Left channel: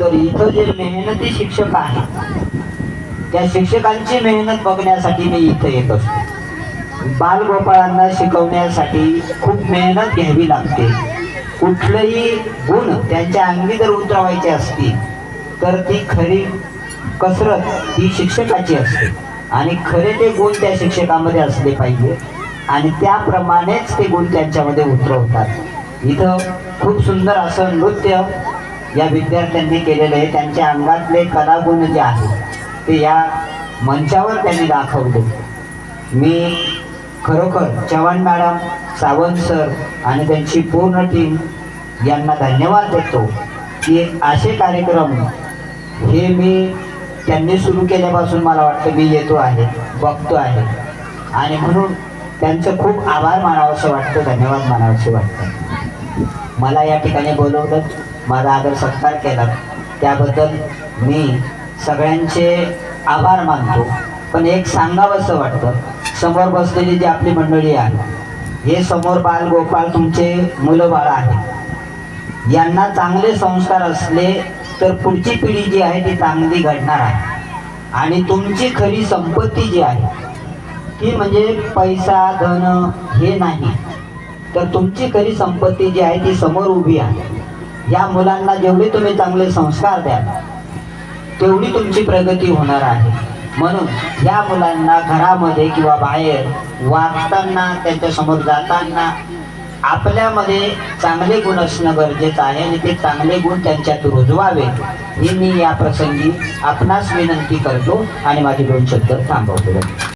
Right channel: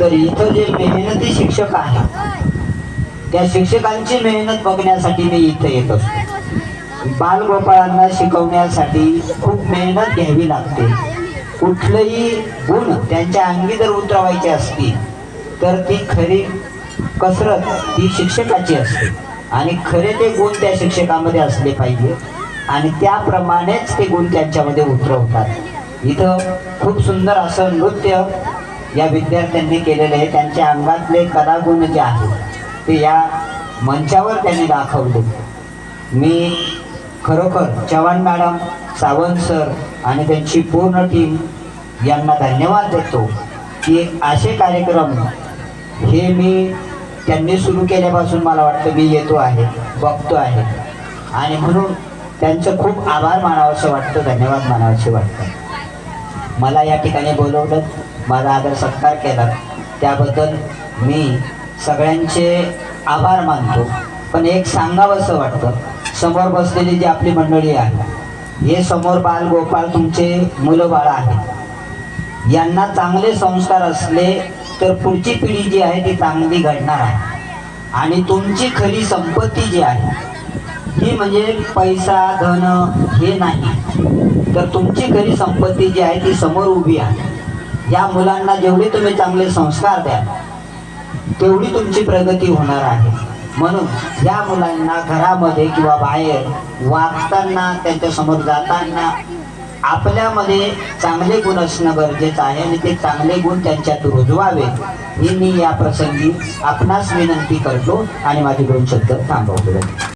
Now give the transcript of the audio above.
तर इथं जे मेहनती शिक्षक आहेत त्या शिक्षकांची मेहनत बघण्यासाठी मी इथं येत असतो. बालगोपाळांना शिकवण्यासाठी खूप मेहनत घ्यावी लागते. कुठलंही गुण त्यांच्या अंगी जर उतरवायचे असतील तर ती खरी कसरत ही शिक्षकाची असते. आणि खरे ते गुण त्या शिक्षकामध्ये असले पाहिजे. आणि त्याप्रमाणेच ते गुण त्यांच्यामध्ये उतरवतात. इथं खूप सुंदर असं नृत्य या विद्यार्थ्यांनी केलेले त्यांच्या अंगातले कलागुण जे आहेत ते या मंचावर त्यांनी दाखवले. मी खरोखर चव्हाण मॅडम सावंत सर आणि त्यांची पूर्ण टीम यांना धन्यवाद देतो की असे कार्यक्रम हे मी त्यांनी सुरू केल्यापासून मला वाटतं मी येतो आहे बघतो आहे. आणि म्हणून त्यांचं खूप आभार मानावंसं वाटतं धन्यवाद मानावंसे वाटतं. मला या ठिकाणी बोलवलं. माझा आदर सत्कार केला. त्याबद्दल मी सगळ्यांचे आभार मानतो. पण एक सांगावंसं वाटतं. समोर बसलेली जी आपली मंडळी आहे हे समोर बाल गोपाळ तुमचे मुलं बाळ आहेत. यांना चांगले संस्कार असले तर पुढची पिढी जी आहे ती चांगली घडणार आहे. आणि तुमची खरी संपत्ती जी आहे ही म्हणजे पैसा धन हे नाही. तर तुमची खरी संपत्ती जी आहे ती समोर उभी आहे. या मुलांना जेवढे तुम्ही चांगले संस्कार द्याल तेवढी तुमची प्रगती होणार आहे. म्हणून या मुलांना घरामध्ये किंवा बाहेर वागताना त्यांच्यासमोर जाताना आपल्यामध्ये चांगले गुण असणं गरजेचं आहे आणि ते चांगले गुण त्यांच्यात रुजवावे ही मी या प्रसंगी आपणास विनंती करतो आणि माझे दोन शब्द थांबवतो.